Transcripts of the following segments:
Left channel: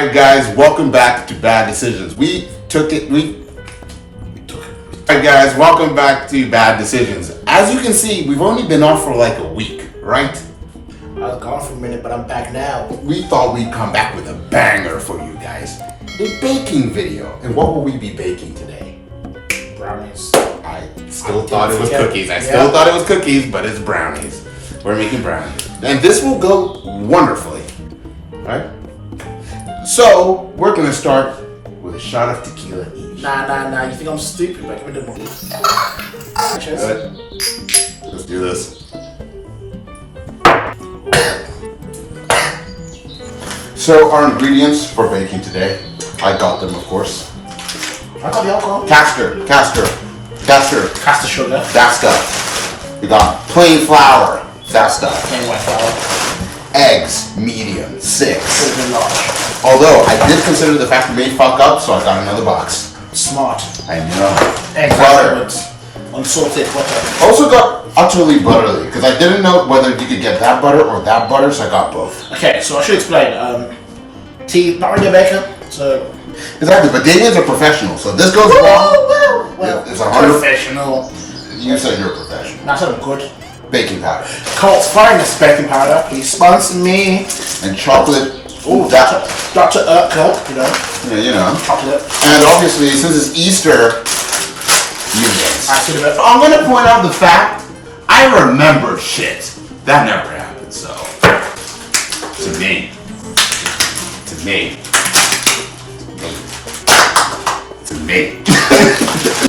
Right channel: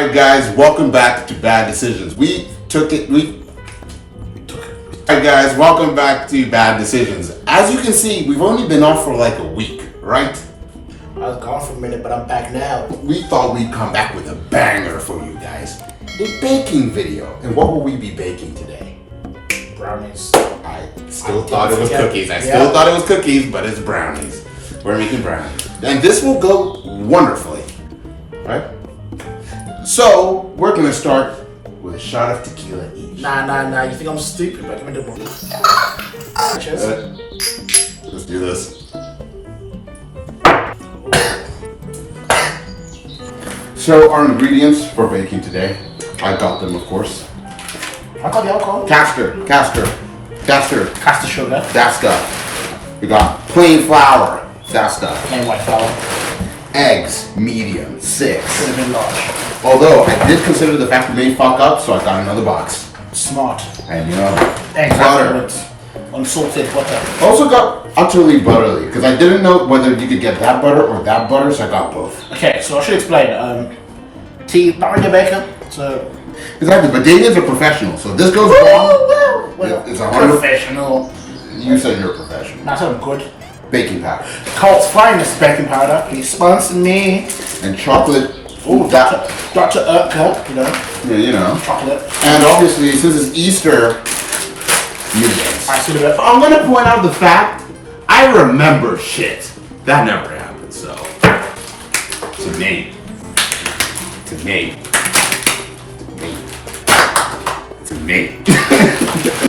Alright guys, welcome back to Bad Decisions. Alright guys, welcome back to Bad Decisions. As you can see, we've only been off for like a week, right? I was gone for a minute, but I'm back now. We thought we'd come back with a banger for you guys. A baking video. And what will we be baking today? Brownies. I still thought it was cookies. I still thought it was cookies, but it's brownies. We're making brownies. And this will go wonderfully, right? So, we're gonna start with a shot of tequila each. Nah. You think I'm stupid? But give me the one. Cheers. Let's do this. So, our ingredients for baking today, I got them, of course. I got the alcohol. Castor Sugar. that stuff. We got plain flour, that stuff. Plain white flour. Eggs, medium, 6. Should have been large. Although I did consider the fact we may fuck up, so I got another box. Smart. I know. Eggs Butter. afterwards. Unsalted butter. Also got utterly butterly because I didn't know whether you could get that butter or that butter, so I got both. Okay, so I should explain. Tea, not really a baker, so. Exactly, but Damien's a professional, so this goes wrong. Well, It's 100. professional. You said you're a professional. That's not good. Baking powder Colt's finest baking powder. Please sponsor me. and chocolate. Ooh, Dr. Urkel, you know. Yeah, you know. Chocolate. And obviously, since it's Easter, meatballs. I see the bit. I'm gonna point out the fact I remember shit. That never happened, so. To me.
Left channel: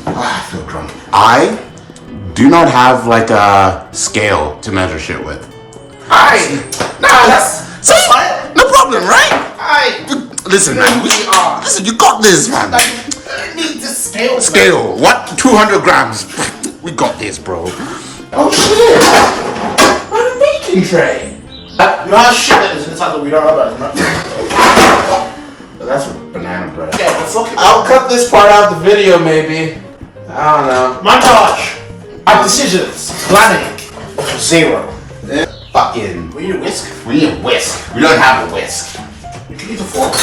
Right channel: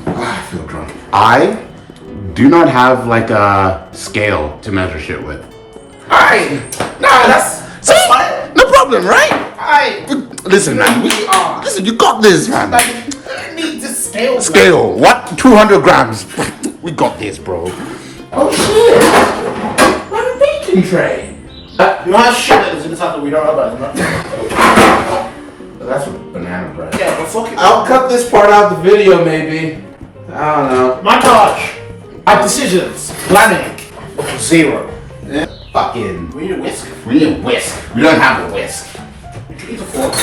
I feel drunk. I do not have like a scale to measure shit with. Alright. Nah, that's fine. No problem, right? Alright. Listen, man. Listen, you got this, man. Like, I need this scale. Scale. What? 200 grams. We got this, bro. Oh shit. What a baking tray. You know how shit that is inside that we don't know about, right? That's a banana bread. Okay, well, fuck it. I'll cut this part out of the video, maybe. I don't know. Montage. Our decisions. Planning. 0. Fucking. We need a whisk. We need a whisk. We don't have a whisk. You can use a fork.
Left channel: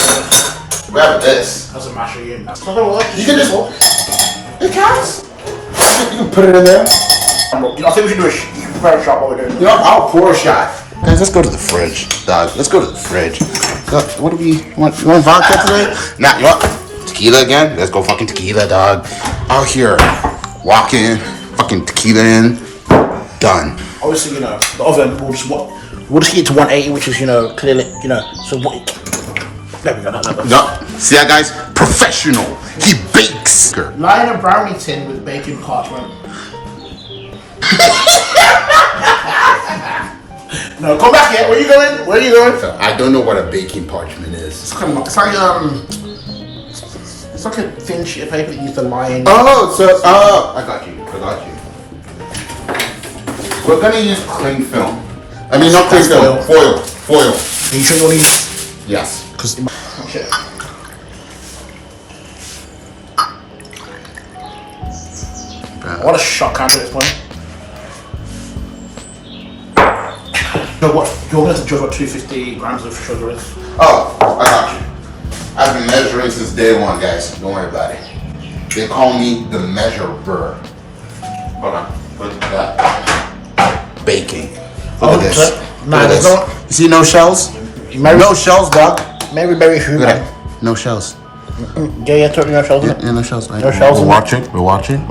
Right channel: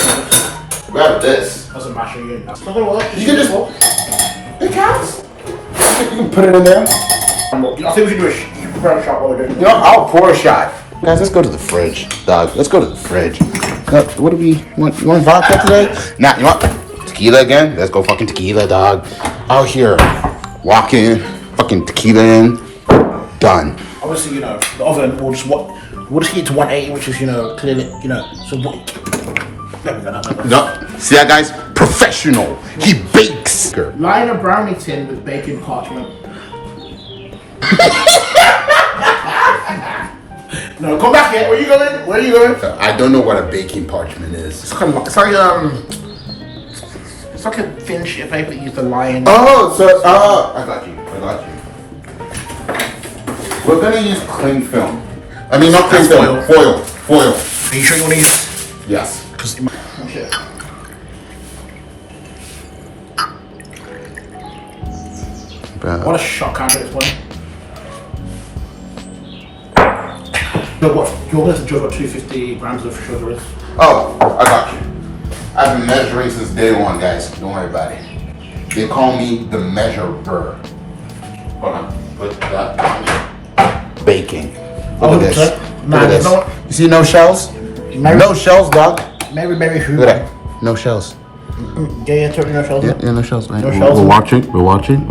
We have this. Doesn't matter again. That's not gonna work. You can just. It counts. You can put it in there. I think we should do a prepare a shot while we're doing it. You know, I'll pour a shot. Guys, let's go to the fridge, dog. Let's go to the fridge. What do we want? You want vodka today? Nah, you want tequila again? Let's go fucking tequila, dog. Out here, walk in, fucking tequila in, done. Obviously, you know, the oven will just heat to 180, which is, clearly, so what? There we go. No, see that, guys? Professional. He bakes. Line a brownie tin with baking parchment. No, come back here. Where you going? I don't know what a baking parchment is. It's like a thin sheet of paper that you use to line. Oh, I got you. We're gonna use cling film. I mean, not cling film. Foil. Are you sure you want to use? Yes. Because okay. What a shot counter this point. You're going to judge what 250 grams of sugar is. Oh, I got you. I've been measuring since day one, guys. Don't worry about it. They call me the measurer. Hold on. Put that on. Baking. Look at this. Look at this. You see no shells? No shells, dog. Very Look at that. No shells. Yeah, totally no shells. Yeah, no shells. Right. No shells. We're watching.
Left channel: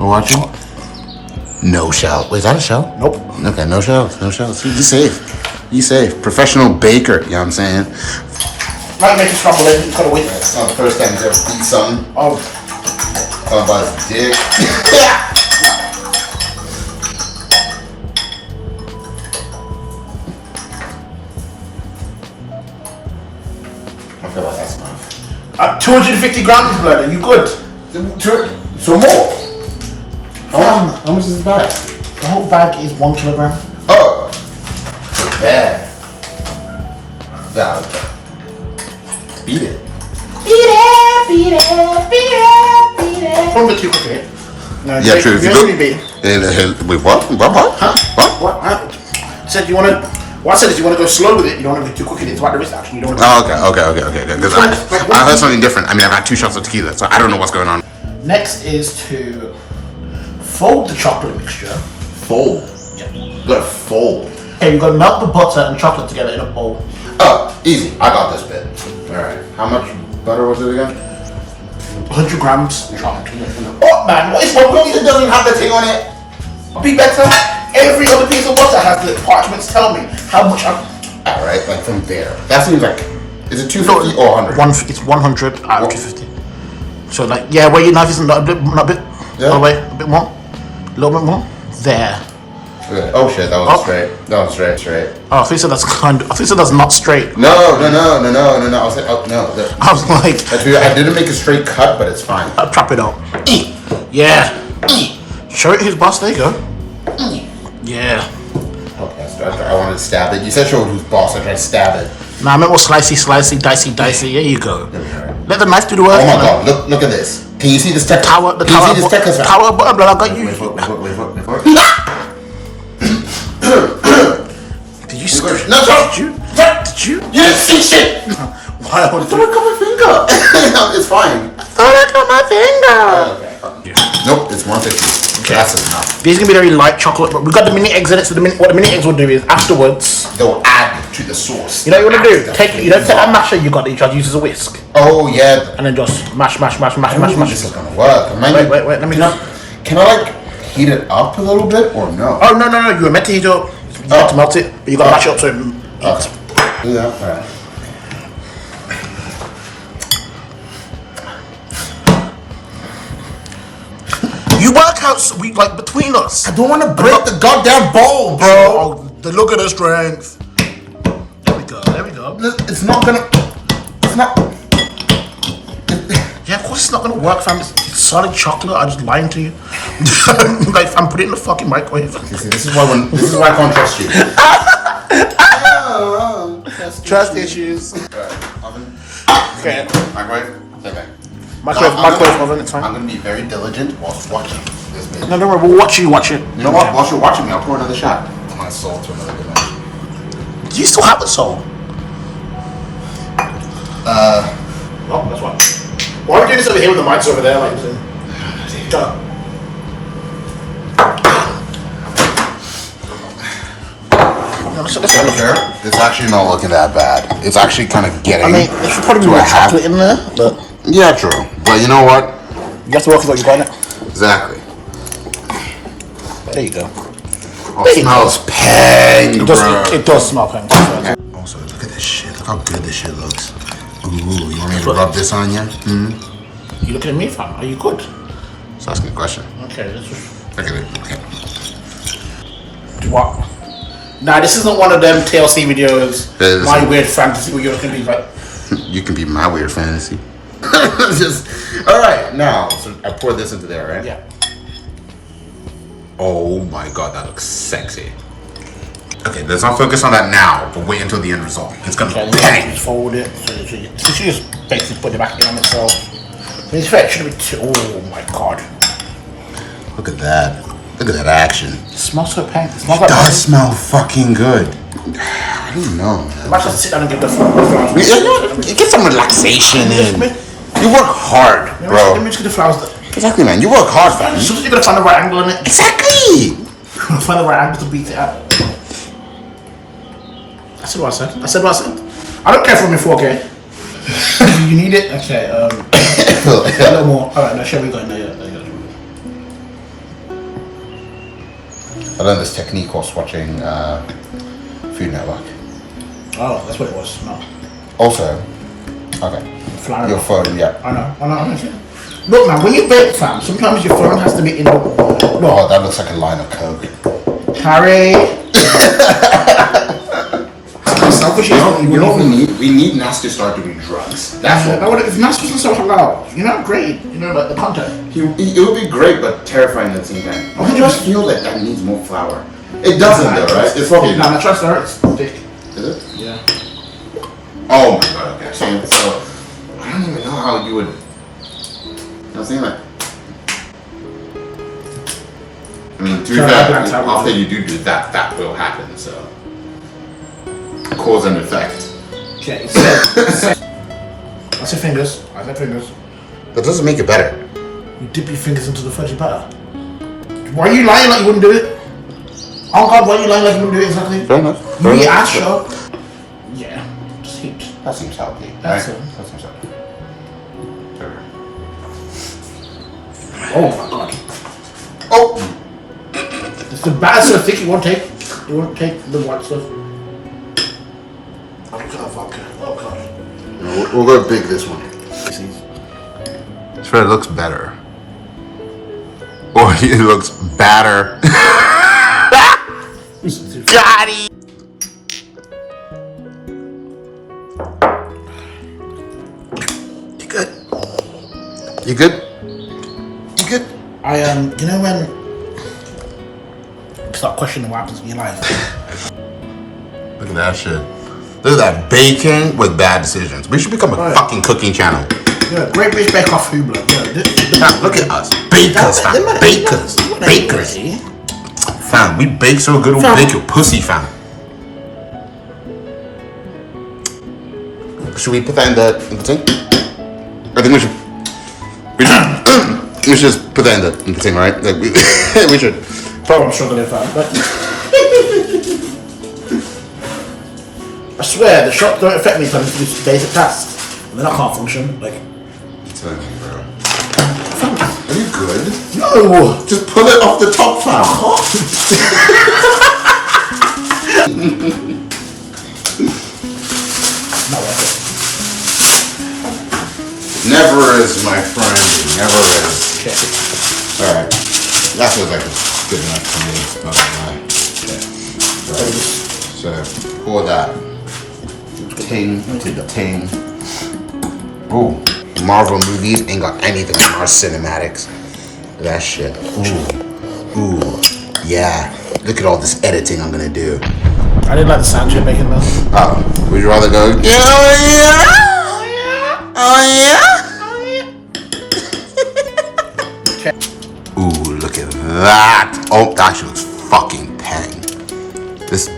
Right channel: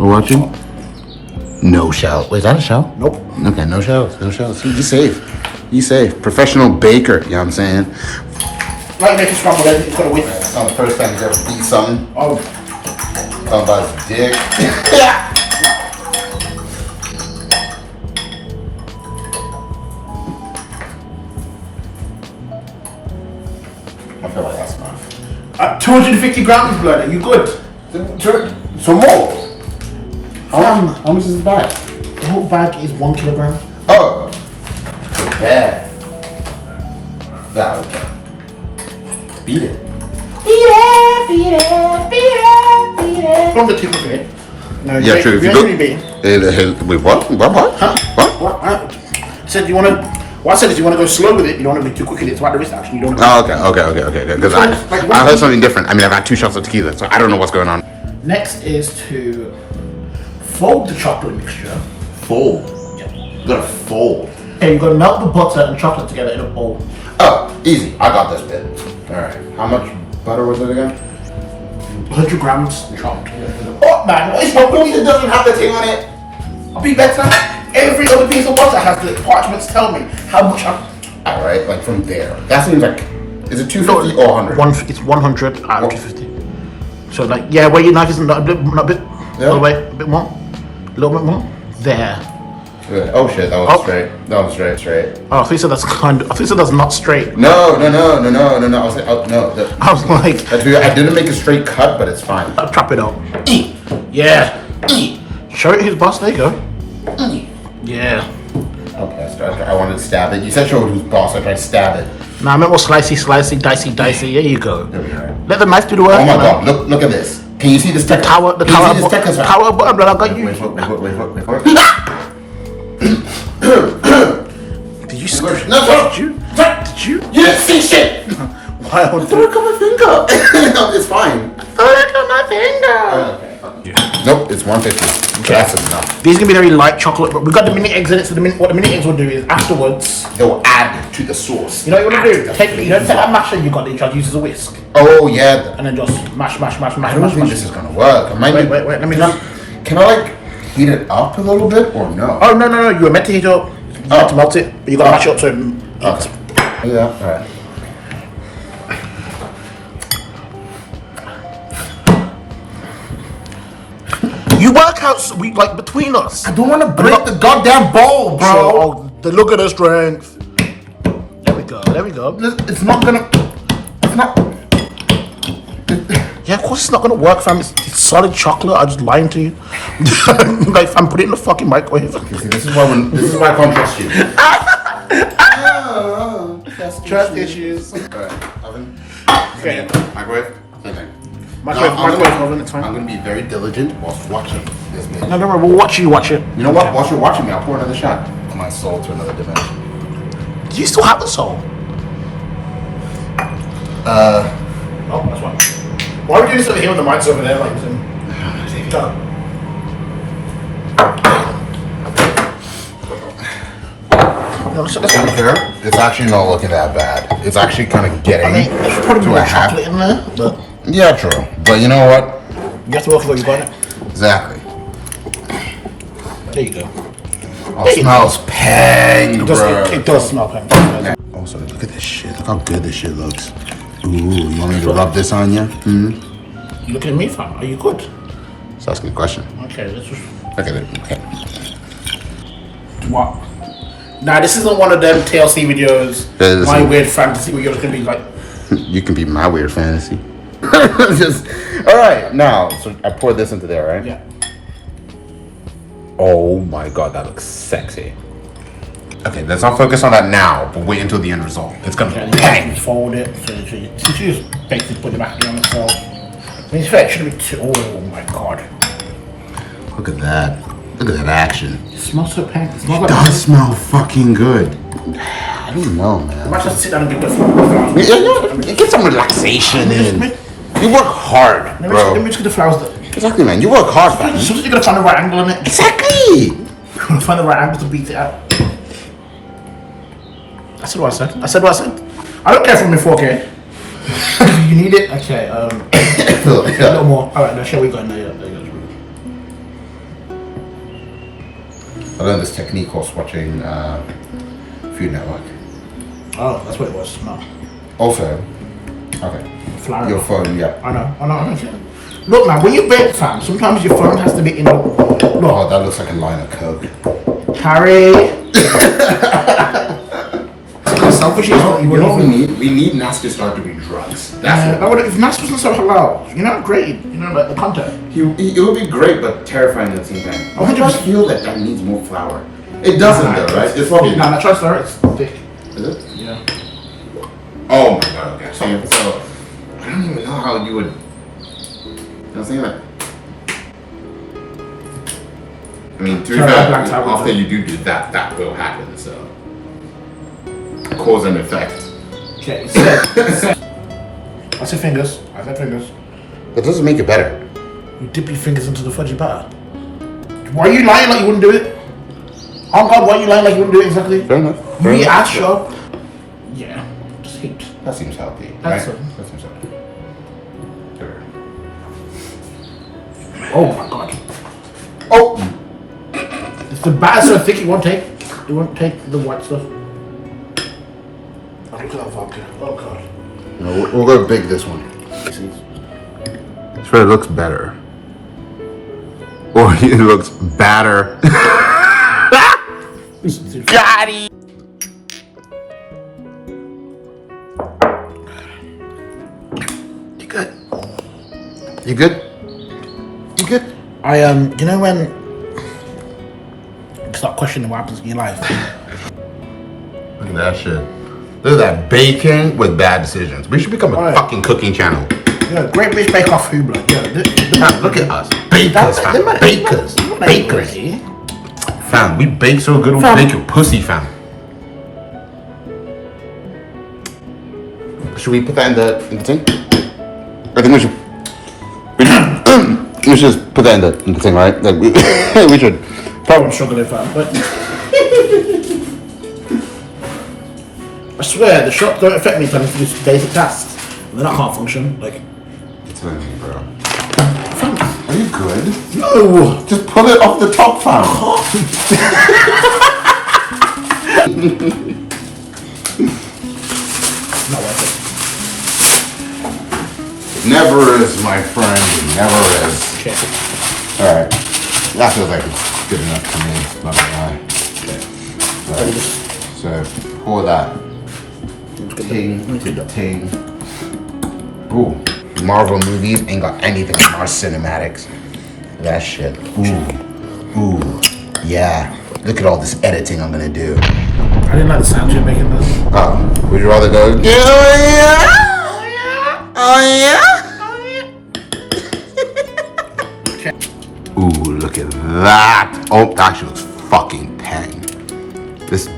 No shell. Wait, is that a shell? Nope. Okay, no shells. Be safe. Be safe. Professional baker, you know what I'm saying? Like making scrambled eggs, you gotta wait. It's not the first time he's ever beat something. Oh. Talking about his dick. I feel like that's enough. 250 grams, blood. Are you good? So more. How much is the bag? The whole bag is 1 kilogram. Oh. Yeah. Yeah. Beat it. From the too quickly. No, Yeah, true. If you really beat. Wait, what? What? What? Said you want to What I said is you want to go slow with it. You don't want to be too quick with it. It's about the wrist action. You don't want to Okay. Because I heard something different. I mean, I've had 2 shots of tequila, so I don't know what's going on. Next is to fold the chocolate mixture. Fold. You gotta fold. Okay, you've got to melt the butter and chocolate together in a bowl. Oh, easy. I got this bit. All right. How much butter was it again? 100 grams chocolate. Oh man, what is wrong with you? It doesn't have the thing on it. Be better. Every other piece of butter has the parchments tell me how much I'm. All right, like from there. That seems like. Is it 250 or 100? It's 100 out of 250. So like, yeah, where your knife is not a bit, Yeah. all the way, a bit more, a little bit more. There. Good. Oh shit, that was straight. That was straight. Oh, I think so. That's kind of. I think so. That's not straight. No. I was like, oh no. I was like, I didn't make a straight cut, but it's fine. I'll trap it out. Yeah. Show it his boss. There you go. Yeah. Okay, so I wanted to stab it. You said show who's boss. I tried to stab it. Nah, I meant more slicey, dicey. There you go. Let the knife do the work. Oh my god! Look at this. Can you see this? The tower button. I got you. Wait. Did you scream? No, Did you? You didn't see shit. Why would I got my finger. No, it's fine. I got my finger. Nope, it's 150. Okay. That's enough. These are gonna be very light chocolate, but we've got the mini eggs in it. So what the mini eggs will do is afterwards They'll add to the sauce. You know what you want to do? Take that masher you got that you try to use as a whisk. Oh yeah. And then just mash. I don't think this is gonna work. Wait, let me know. Can I like heat it up a little bit or no? Oh no. You were meant to heat it up. You meant to melt it, but you gotta mash it up so it Okay. Yeah, alright. You work out like between us. I don't want to break the goddamn bowl, bro. Oh, look at the strength. There we go. It's not gonna. It's not. Yeah, of course it's not gonna work, fam. It's solid chocolate. I'm just lying to you. Like, fam, put it in the fucking microwave. See, this is why I can't trust you. Trust issues. Alright, oven. Okay. Microwave. Okay. Microwave oven. It's fine. I'm gonna be very diligent whilst watching this video. No, don't worry. We'll watch you watch it. You know what? Whilst you're watching me, I'll pour another shot. My soul to another banana. Do you still have the soul? Oh, that's fine. Why are we doing this over here with the mics over there? Like, It's actually not looking that bad. It's actually kind of getting. I mean, there's probably more chocolate in there, but yeah, true. But you know what? you have to work with what you got it. Exactly. There you go. Oh, it smells pang, bro. It does smell pang. Also, look at this shit. Look how good this shit looks. Ooh, you want me to rub this on you? Hmm? You looking at me, fam? Are you good? Just asking a question. Okay, let's just. Look at it. Okay. What? Nah, this isn't one of them TLC videos. My weird fantasy where you're gonna be like. You can be my weird fantasy. All right, now so I pour this into there, right? Yeah. Oh my god, that looks sexy. Okay, let's not focus on that now, but wait until the end result. It's gonna bang. Just fold it. So you just basically put it back on itself. In fact, it shouldn't be too. Oh my god. Look at that. Look at that action. It smells so pang. It smells It like. does smell fucking good. I don't know, man. I might just sit down and give this. Get some relaxation in. You work hard, Let bro. me just get the flowers. Exactly, man. You work hard, fam. Sometimes you gotta find the right angle in it. Exactly. You gotta find the right angle to beat it out. I said what I said. I don't care if I'm in 4K. You need it? Okay, a little more. Alright, now shall we go? There you go. I learned this technique whilst watching Food Network. Oh, that's what it was. No. Also, okay. Flour. Your phone, yeah. I know. Look, man, when you bake, fam, sometimes your phone has to be in the. Look. Oh, that looks like a line of coke. Harry. Selfish, we need Nas to start doing drugs. That's what. If Nas wasn't so halal, you know, great. You know, like the content. It would be great, but terrifying at the same time. I just feel like that needs more flour. It doesn't, though, right? It's probably. Nah, try to stir it. It's thick. Is it? Yeah. Oh my god. Okay. So I don't even know how you would. You know what I'm saying? Like. I mean, to be fair, after you do that will happen. So. cause and effect. Okay, so I say fingers. I say fingers. That doesn't make it better. You dip your fingers into the fudgy batter. Why are you lying like you wouldn't do it? Oh God, why are you lying like you wouldn't do it exactly? Fair enough. You eat ass, show. Yeah, just heaped. That seems healthy. That's right? it. That seems healthy. Oh my God. Oh! If the batter's so thick, it won't take the white stuff. Oh God, vodka. Oh God. No, we'll go big this one. Sure, it looks better. Or it looks badder. Got it! You good? You good? You good? You know when you start questioning what happens in your life? Look at that shit. Look at that bacon with bad decisions. We should become a fucking cooking channel. Yeah, Great British Bake Off who blood. Yeah, Fam, look at us. Bakers, fam. Bakers. Bakers. Fam, we bake so good, we'll bake your pussy, fam. Should we put that in the thing? I think we should. We should just put that in the thing, right? Like we should. Probably I'm struggling, fam, but I swear the shock don't affect me if I do basic tasks. And then I can't function. Like, It's bro. Are you good? no. Just pull it off the top, fam. Not worth it. Never is, my friend. Never is. Okay. Alright. That feels like it's good enough for me. Not gonna lie. So, pour that. Ting, ting. Ooh. Marvel movies ain't got anything in our cinematics. That shit. Ooh. Yeah. Look at all this editing I'm gonna do. I didn't like the sound you're making though. Oh, would you rather go? Oh yeah. Ooh, look at that. Oh, that actually looks fucking tang. This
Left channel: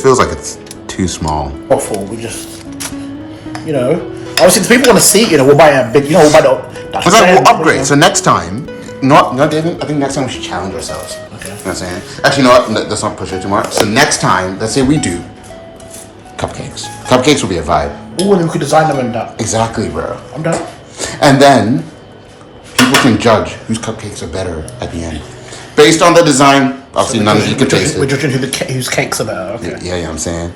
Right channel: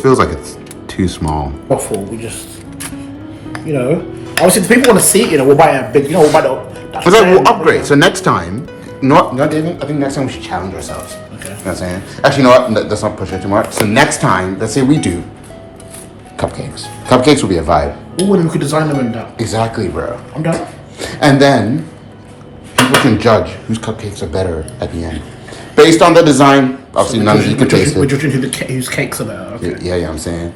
feels like it's too small. Waffle, we just, obviously, if people want to see it, we'll buy a big, we'll buy the. It's like we'll upgrade. So next time, not David. I think next time we should challenge ourselves. Okay. You know what I'm saying? Actually, you know what? Let's not push it too much. So next time, let's say we do cupcakes. Cupcakes will be a vibe. Oh, then we could design them and that. Exactly, bro. I'm done. And then people can judge whose cupcakes are better at the end, based on the design. Obviously, none of you can taste We're it. judging whose cakes are better. Okay. Yeah, I'm saying.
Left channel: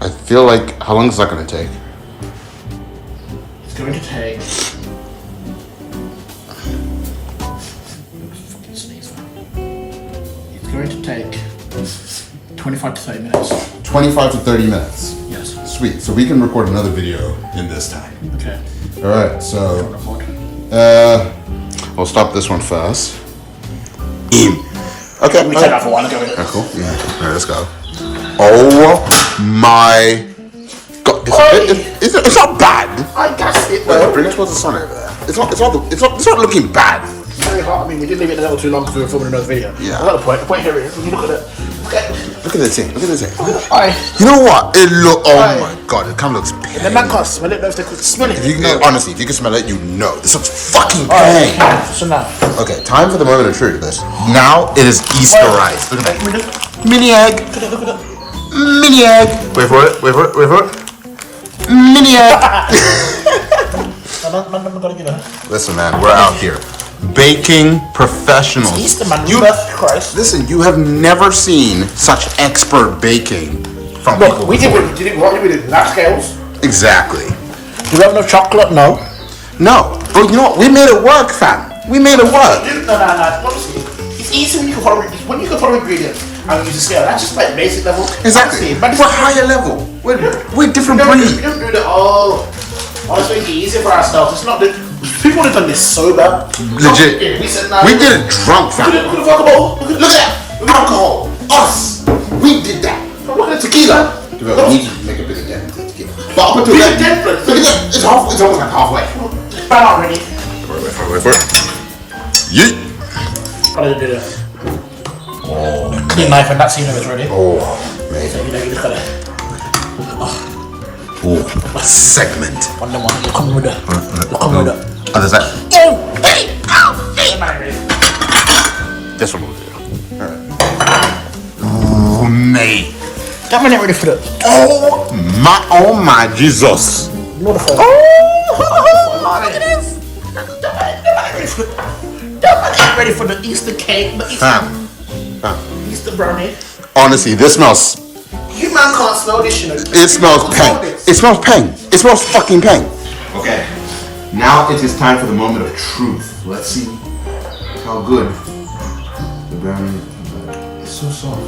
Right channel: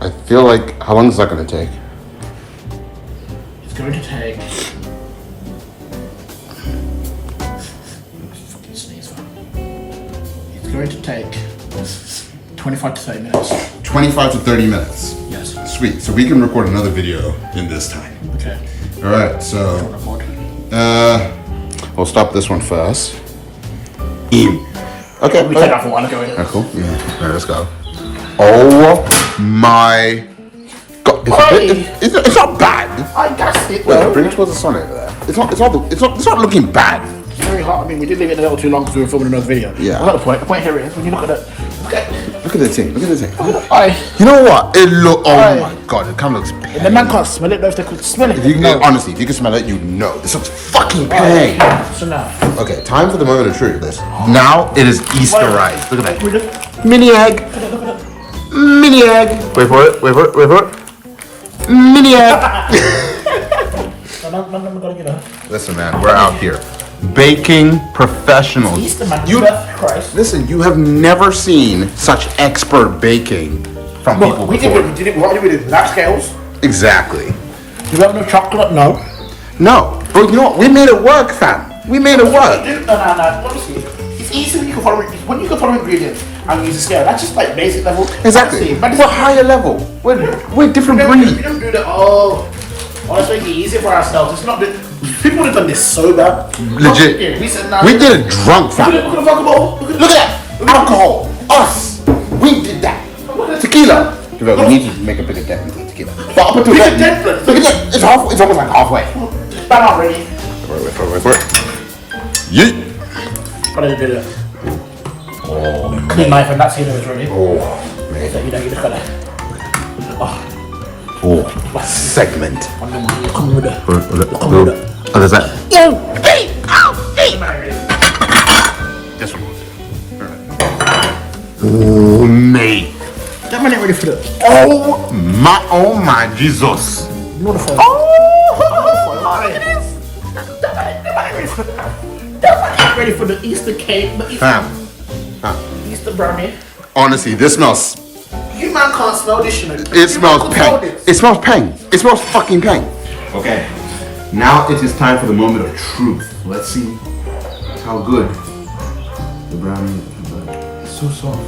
I feel like, how long is that gonna take? It's going to take. Fucking sneeze, man. It's going to take 25 to 30 minutes. 25 to 30 minutes. Yes. Sweet. So we can record another video in this time. Okay. All right. So, we'll stop this one first. Okay. We take that for one. Okay. Cool. Yeah. All right. Let's go. Oh my God! It's not bad. I guess it. Wait, bring it towards the sun over there. It's not looking bad. It's very hard. I mean, we did leave it a little too long before we were filming another video. Yeah. Another point. The point here is, when you look at it. Look at the thing. Look at the thing. Aye. You know what? Oh my God! It kind of looks The pang. man can't smell it. No, if they could smell it. Honestly, if you can smell it, you know this looks fucking pang. So now. Okay, time for the moment of truth. This now it is Easterized. Look at that. Mini egg. Look at it. Mini egg. Wait for it. Mini egg. I'm gonna get a. Listen, man, we're out here. Baking professionals. Easter, man. Christ. Listen, you have never seen such expert baking from people before. What did we do? Lap scales? Exactly. Do we have enough chocolate? No. No, but you know what? We made it work, fam. We made it work. No. Honestly, it's easy when you can follow ingredients and use a scale. That's just like basic level. Exactly. Honestly, We're higher level. We're different We breed. don't do that. Oh, let's make it easier for ourselves. It's not that people would have done this sober. Legit. We said nah. We did it drunk, fam. Look at the vodka bottle. Look at that. Look at alcohol. Us. We did that. Look at the tequila. We need to make a bit of dent into the tequila. But up until We then, did different. look at that. It's almost like halfway. But I'm not ready. Wait for it. Yeet. I didn't do that. Oh, Clean knife and that's even is ready. Oh, man. right? So you know you just gotta Oh, segment. on them one. You come with it. Other side. Oh, hey, ow, hey. This one will do. Alright. Ooh, mate. That man ain't ready for that. Oh my Jesus. Beautiful. Oh, look at this. That man ain't ready for the Easter cake, the Easter brownie. Honestly, this smells. You man can't smell this, you know. It smells peng. It smells peng. It smells fucking peng. Okay, now it is time for the moment of truth. Let's see how good the brownie is. It's so soft. We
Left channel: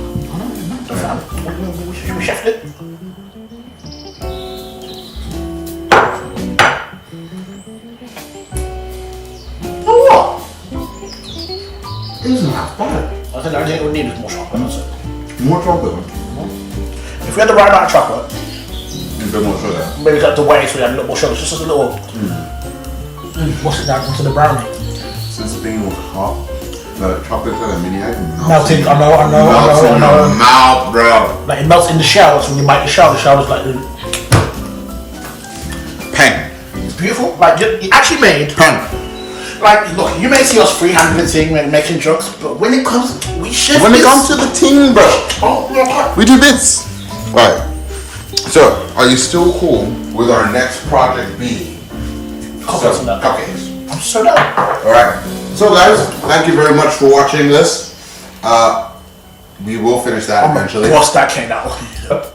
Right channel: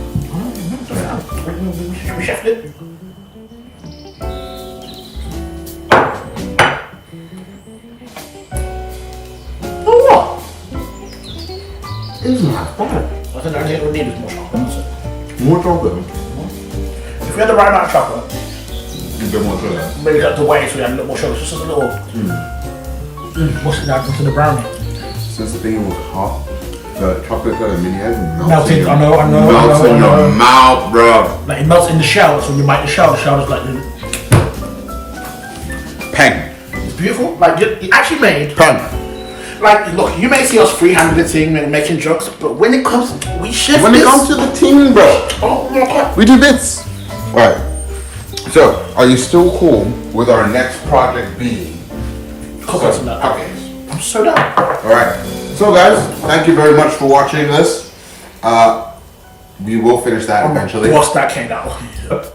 chefed it. Oh, it's not bad. I think I don't need it more chocolate. More chocolate. If we had the right amount of chocolate, A bit more sugar. maybe got the white so we had a little more sugar. Just a little. What's it down into the brownie? Since the thing was hot, the chocolate that mini egg Melted. I know. melts in your mouth, bro. Like it melts in the shell, so when you bite the shell's like Peng. it's beautiful. Like you actually made. Peng. Like look, you may see us free-handed thing making jokes, but when it comes, we shift. When it this. comes to the team, bro, Oh, yeah. we do this. Right. So, are you still cool with our next project being Cupcakes and that. cupcakes? I'm so down. Alright. So guys, thank you very much for watching this. We will finish that eventually. Once that came out.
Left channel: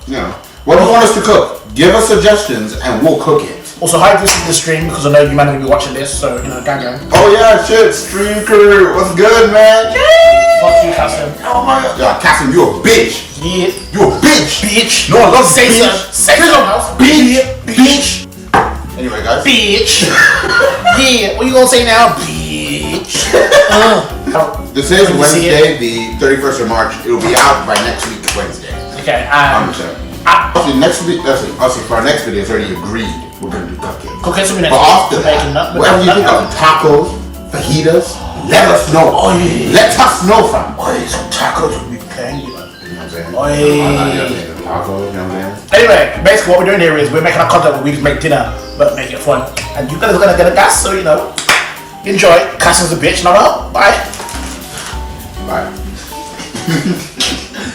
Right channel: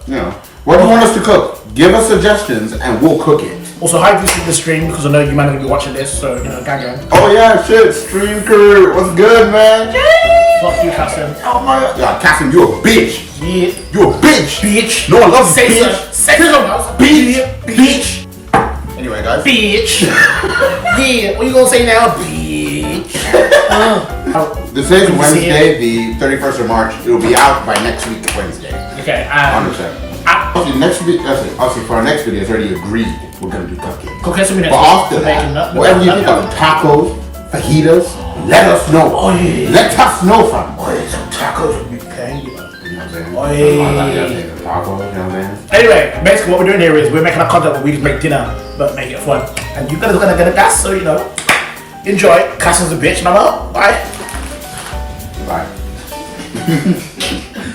You know. What do you want us to cook? Give us suggestions and we'll cook it. Also, hi, this is the stream because I know you might not be watching this, so you know, gang. Oh yeah, shit, stream crew. What's good, man? Fuck you, Hassan. Oh my god. Yeah, Cassim, you a bitch. Yeah. You a bitch. Bitch. No one loves Say bitch. so. Say so, mouse. Bitch. Bitch. Anyway, guys. Bitch. Yeah. What you gonna say now? Bitch. This is Wednesday, the 31st of March. It'll be out by next week, Wednesday. Okay. 100%. Actually, next video, actually, for our next video, it's already agreed. We're gonna do cupcakes. Okay, so we But next after week, that, whatever you think of tacos, fajitas, let us know. Oh, yeah. Let us know, fam. Oh, some tacos would be paying you. You know what I'm saying? Oh, yeah. You know what I'm saying? Tacos, you know what I'm saying? Anyway, basically what we're doing here is we're making a content where we just make dinner, but make it fun. And you guys are gonna get a gas, so you know. Enjoy. Cass is a bitch, and I'm out. Bye. Bye.